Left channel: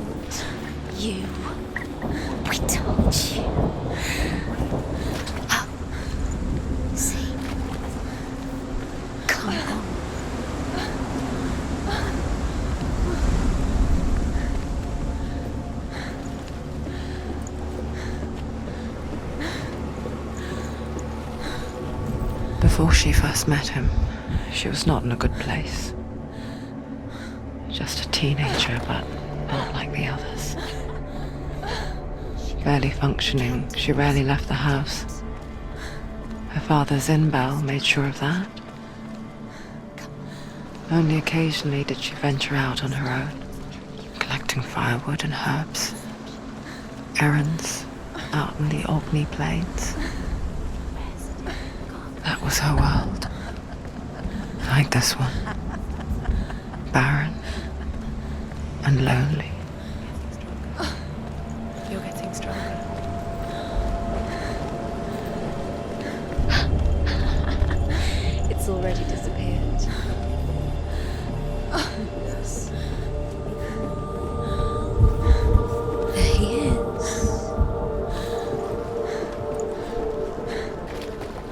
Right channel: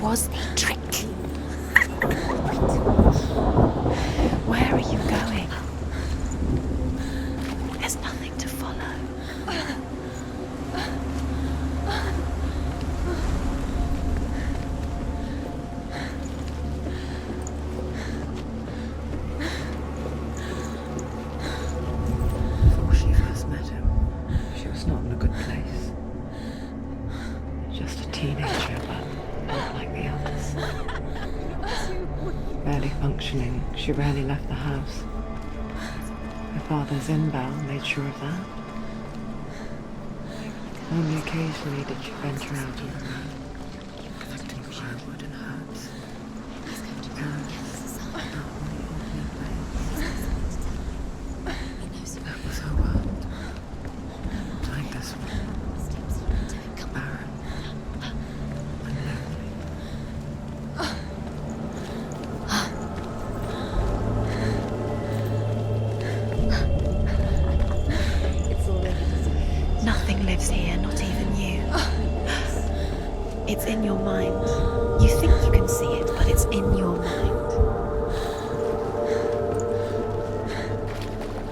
was to trick you. I told you. Where are you going? See, there's nothing to follow. Come on. Before she first met him, she was not in a good place. Just a teenager, but not like the others. Barely functioning, she rarely left the house. Her father's in-bell made sure of that. Only occasionally did she venture out on her own, collecting firewood and herbs. Errands out in the Orkney Plains. That was her world. Like this one. Barren and lonely. It's already disappeared. Nothing lives here, not even you. It's in your mind. You think you can see it, but it's in your mind.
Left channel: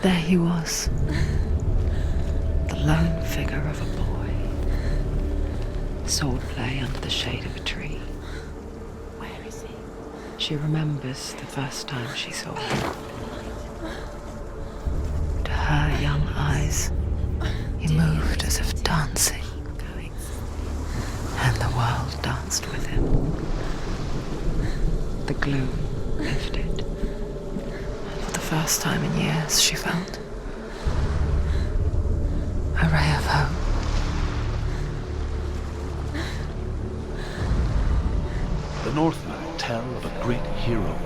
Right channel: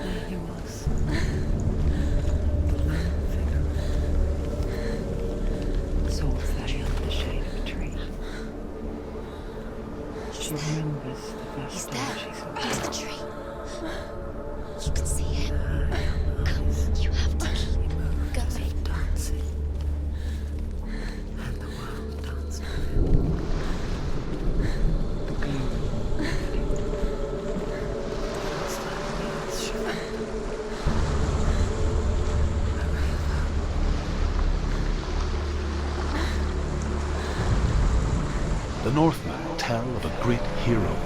There he was. The lone figure of a boy. Swordplay under the shade of a tree. She remembers the first time she saw him. To her young eyes, he moved as if dancing. And the world danced with him. The gloom lifted. For the first time in years, she felt a ray of hope. The Northmen tell of a great hero.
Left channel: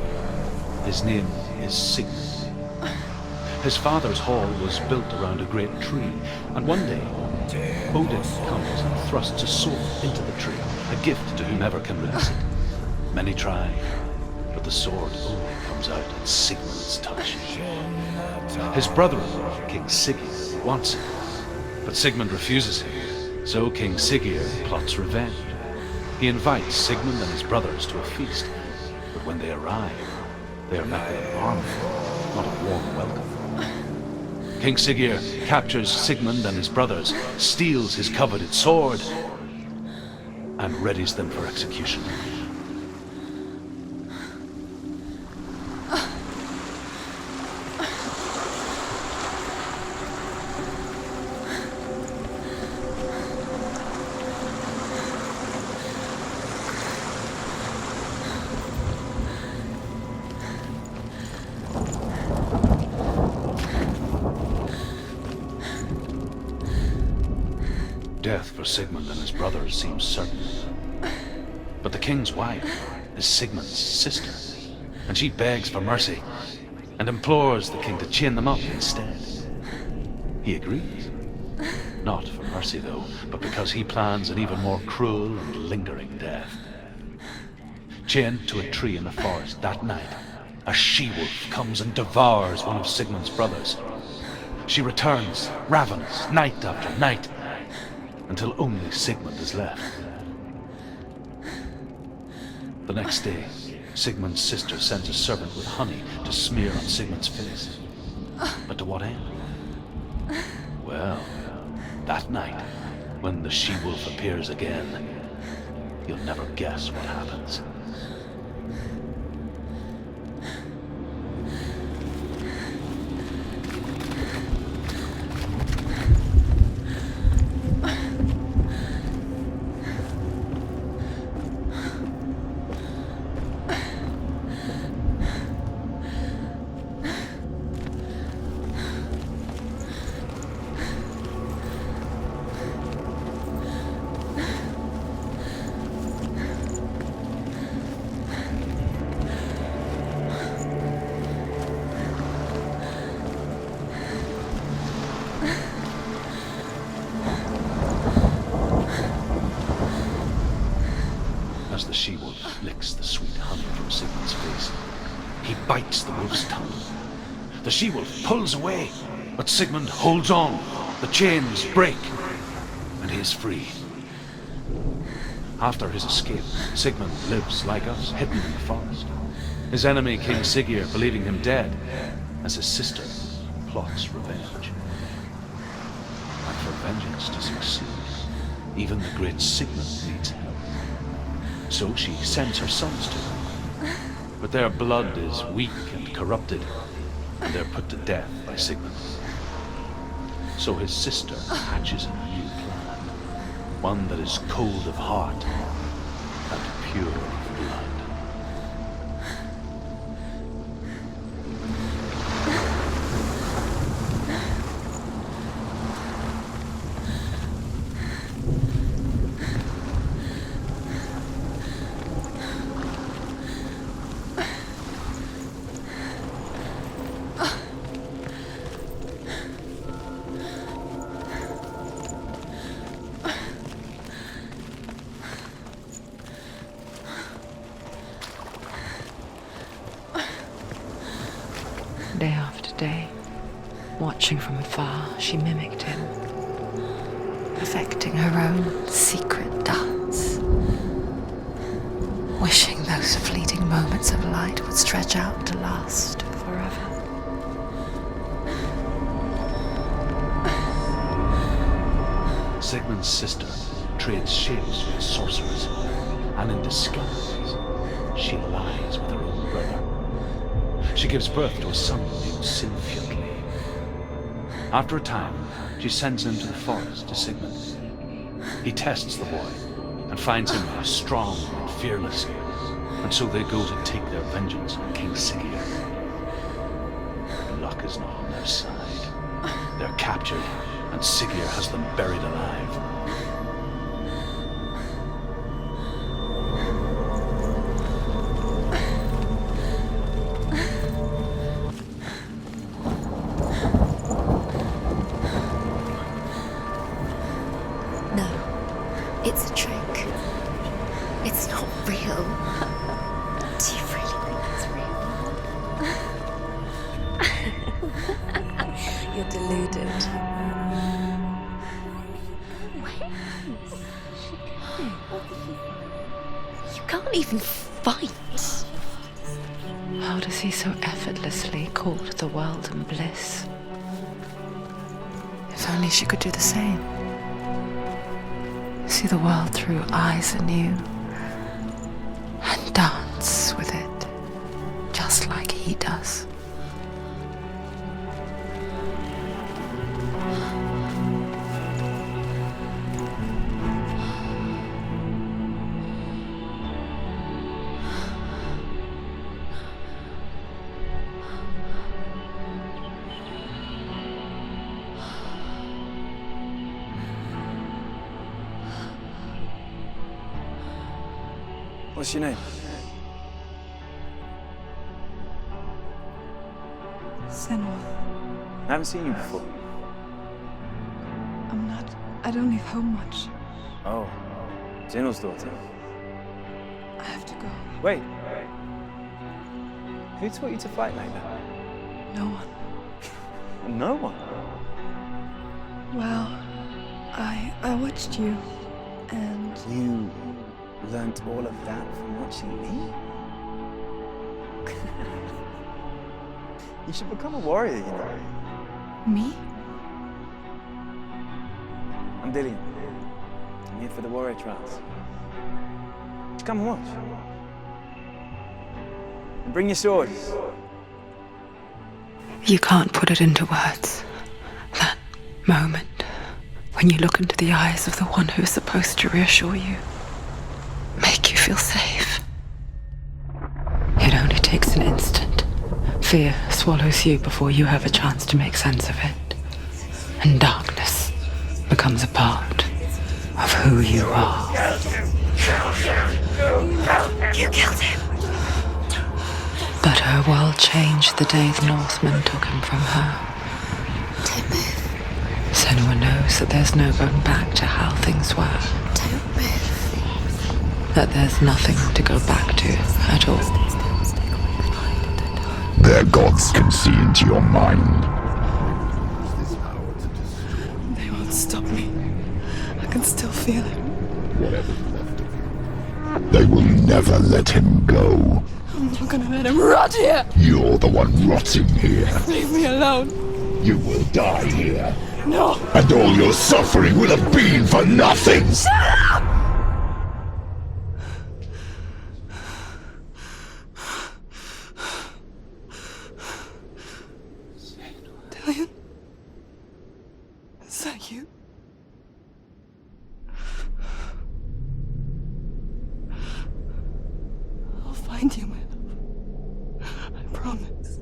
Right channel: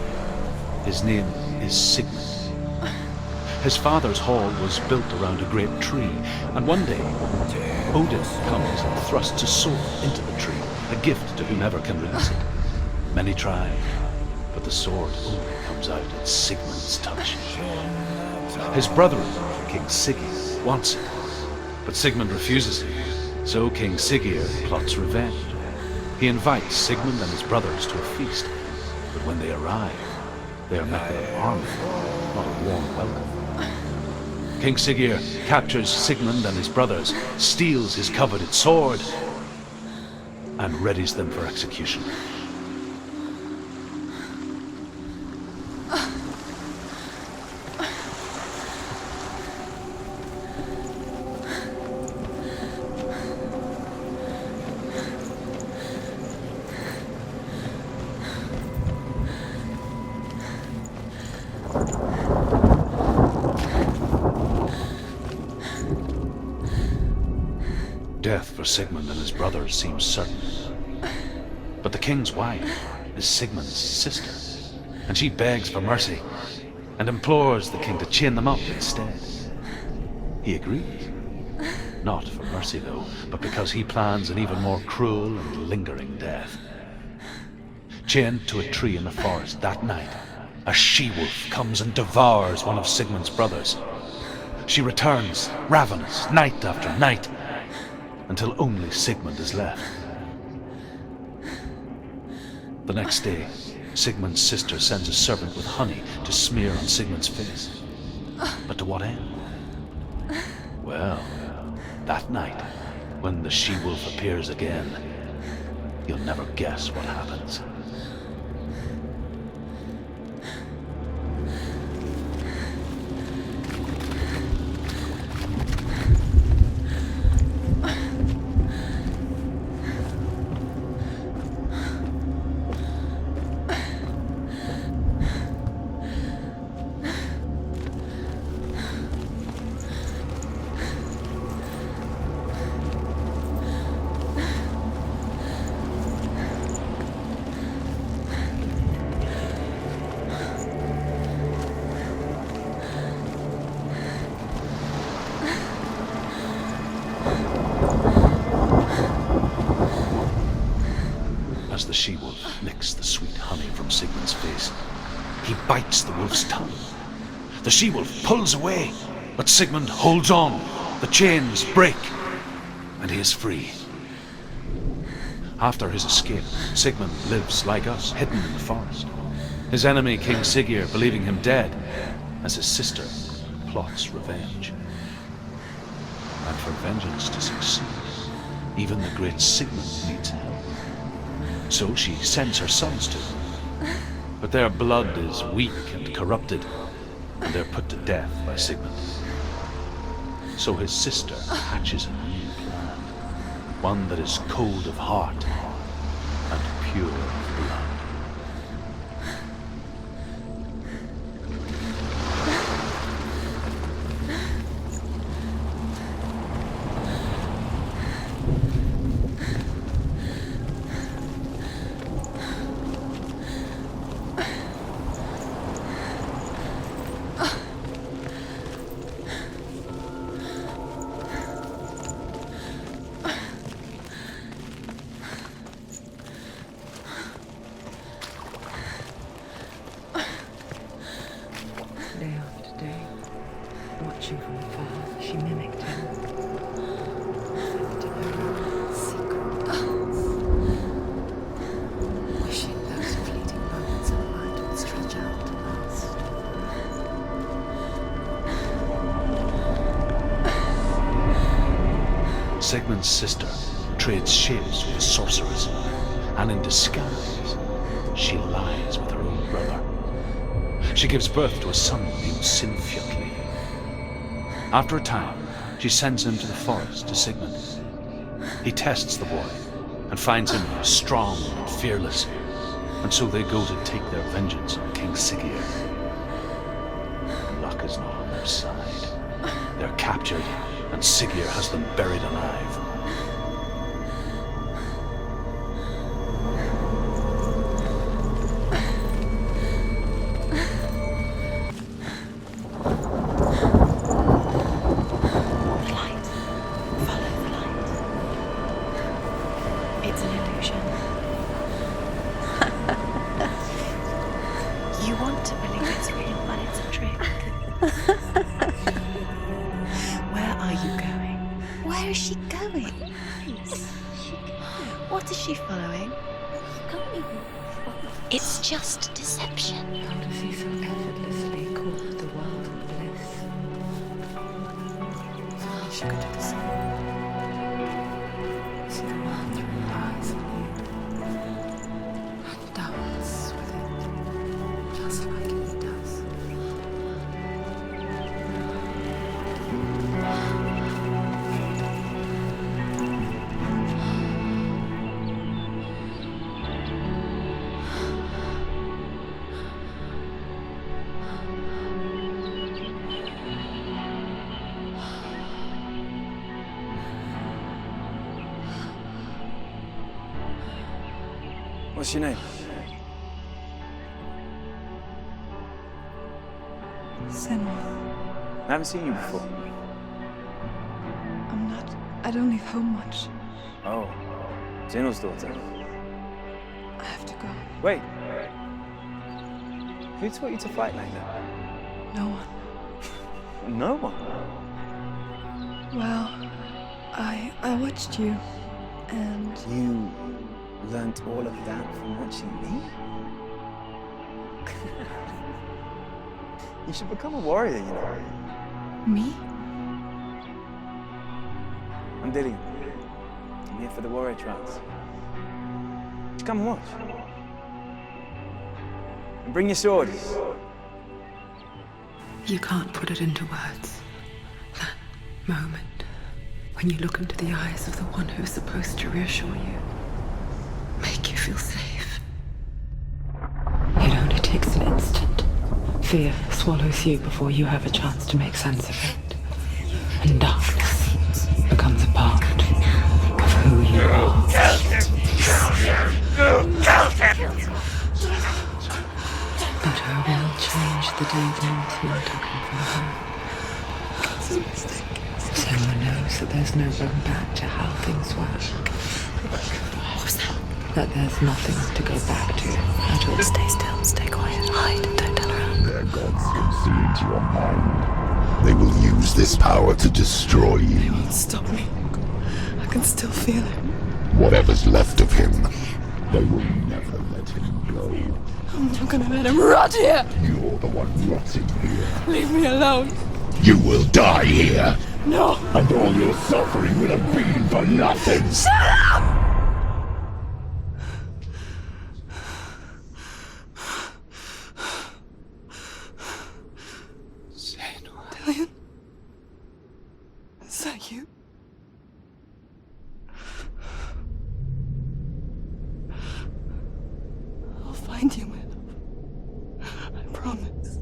His name is Sigmund. His father's hall was built around a great tree, and one day, Odin comes and thrusts a sword into the tree, a gift to whomever can release it. Many try, but the sword only comes out at Sigmund's touch. His brother-in-law, King Siggeir, wants it, but Sigmund refuses him, so King Siggeir plots revenge. He invites Sigmund and his brothers to a feast, but when they arrive, they are met with an army, not a warm welcome. King Siggeir captures Sigmund and his brothers, steals his coveted sword, and readies them for execution. Death for Sigmund and his brothers seems certain. But the king's wife is Sigmund's sister, and she begs for mercy and implores the king to chain them up instead. He agrees. Not for mercy, though, but because he plans an even more cruel and lingering death. Chained to a tree in the forest that night, a she-wolf comes and devours one of Sigmund's brothers. She returns, ravenous, night after night, until only Sigmund is left. The next day, Sigmund's sister sends a servant with honey to smear on Sigmund's face. But to what end? Well, that night, when the she-wolf appears again, you'll never guess what happens. As the she-wolf licks the sweet honey from Sigmund's face, he bites the wolf's tongue. The she-wolf pulls away, but Sigmund holds on. The chains break, and he is free. After his escape, Sigmund lives like us, hidden in the forest. His enemy, King Siggeir, believing him dead, as his sister plots revenge. And for vengeance to succeed, even the great Sigmund needs help. So she sends her sons to him. But their blood is weak and corrupted, and they're put to death by Sigmund. So his sister hatches a new plan, one that is cold of heart and pure of blood. Day after day, watching from afar, she mimicked him, perfecting her own secret dance, wishing those fleeting moments of light would stretch out to last forever. Sigmund's sister trades shapes with a sorceress, and in disguise, she lies with her own brother. She gives birth to a son named Sinfjotli. After a time, she sends him to the forest to Sigmund. He tests the boy and finds him strong and fearless, and so they go to take their vengeance on King Siggeir. But luck is not on their side. They're captured, and Siggeir has them buried alive. What is she following? You can't even fight. It's just deception. How does he so effortlessly court the world in bliss? If only she could do the same. See the world through eyes anew and dance with it, just like he does. What's your name? Senua. I haven't seen you before. I don't leave home much. Oh, Zenua's daughter. I have to go. Wait. Who taught you to fight like that? No one. No one? Well, I watched you, and You learned all of that from watching me? You should become a warrior, you know. me? I'm Dillian. I'm here for the warrior trials. Just come and watch. And bring your sword. You can't put it into words. That moment when you look into the eyes of the one who's supposed to reassure you, make you feel safe. It only takes an instant. Fear swallows you before you have a chance to make sense of it. And darkness becomes a part of who you are. You killed him. But her world changed the day the Northmen took him from her. Senua knows that there's no going back to how things were. That there's nothing to go back to at all. Stay still, stay quiet, hide, don't tell her. Their gods can see into your mind. They will use this power to destroy They you. won't stop me. I can still feel it. whatever's left of him. They will never let him go. I'm not gonna let him rot here! You're the one rotting here. Leave me alone! You will die here. No! And all your suffering will have been for nothing. Shut up! Dillian? Is that you? I'll find you, my love. I promise.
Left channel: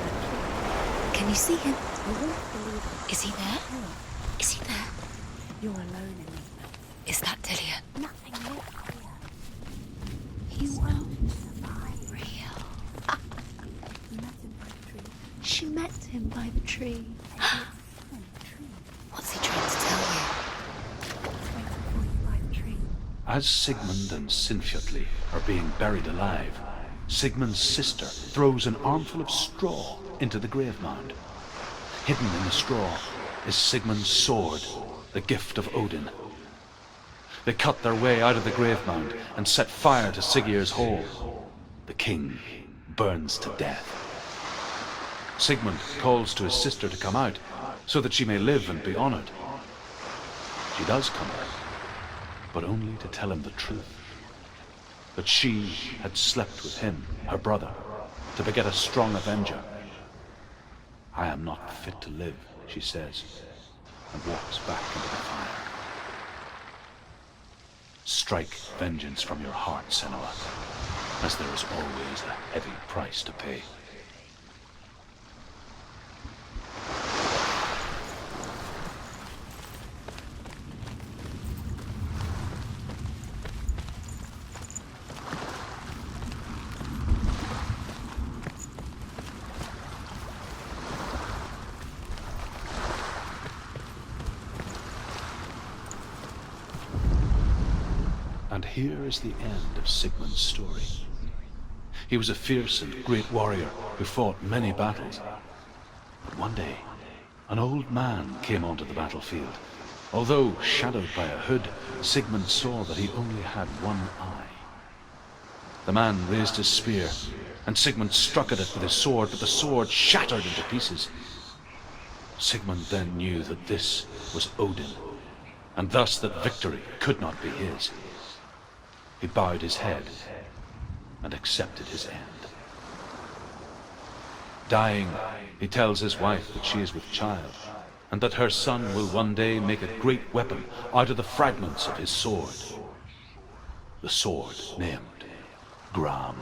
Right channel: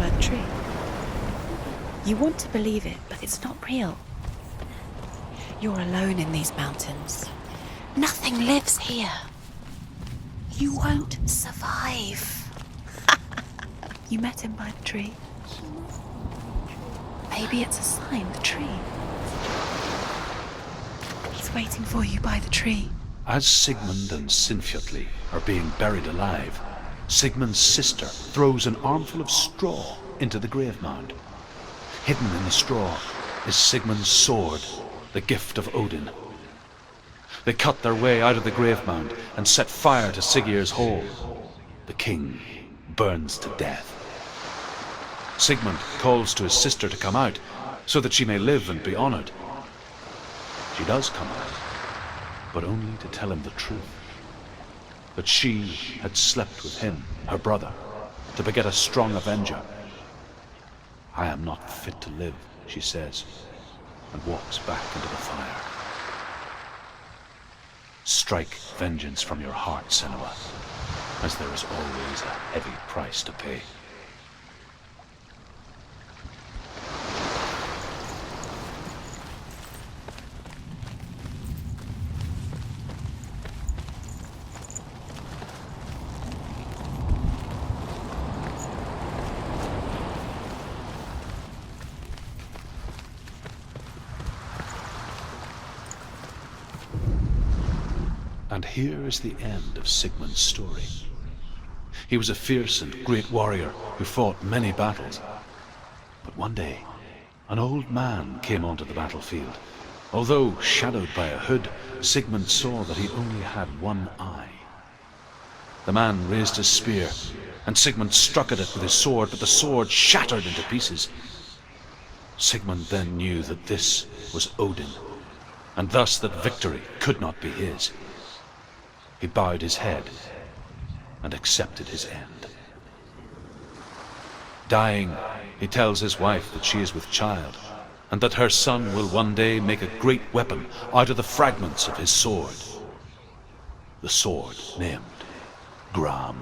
That tree. Can you see him? You want to believe it. Is he not real? Is he there? You're alone in these mountains. Is that Dillian? Nothing lives here. You won't survive. You met him by the tree. She met him by the tree. Maybe it's a sign, the tree. What's he trying to tell you? He's waiting for you by the tree. As Sigmund and Sinfjotli are being buried alive, Sigmund's sister throws an armful of straw into the grave mound. Hidden in the straw is Sigmund's sword, the gift of Odin. They cut their way out of the grave mound and set fire to Siggeir's hall. The king burns to death. Sigmund calls to his sister to come out so that she may live and be honored. She does come out, but only to tell him the truth. That she had slept with him, her brother, to beget a strong avenger. I am not fit to live, she says, and walks back into the fire. Strike vengeance from your heart, Senua, as there is always a heavy price to pay. And here is the end of Sigmund's story. He was a fierce and great warrior who fought many battles. But one day, an old man came onto the battlefield. Although shadowed by a hood, Sigmund saw that he only had one eye. The man raised his spear, and Sigmund struck at it with his sword, but the sword shattered into pieces. Sigmund then knew that this was Odin, and thus that victory could not be his. He bowed his head and accepted his end. Dying, he tells his wife that she is with child, and that her son will one day make a great weapon out of the fragments of his sword. The sword named Gram.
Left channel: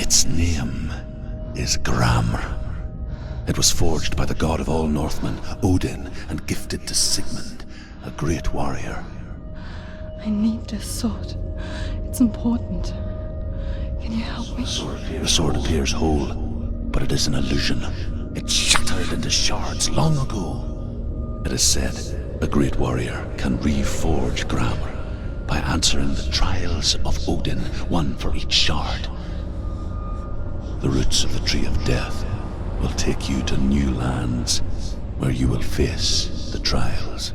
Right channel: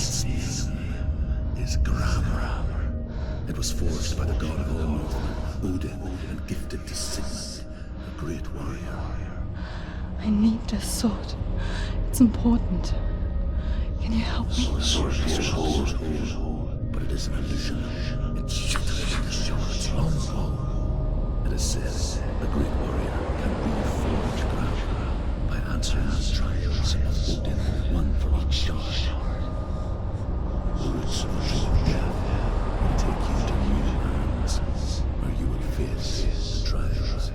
Its name is Gram. It was forged by the god of all Northmen, Odin, and gifted to Sigmund, a great warrior. I need this sword. It's important. Can you help me? The sword appears whole, but it is an illusion. It shattered into shards long ago. It is said a great warrior can reforge Gram by answering the trials of Odin, one for each shard. the roots of the Tree of Death will take you to new lands where you will face the trials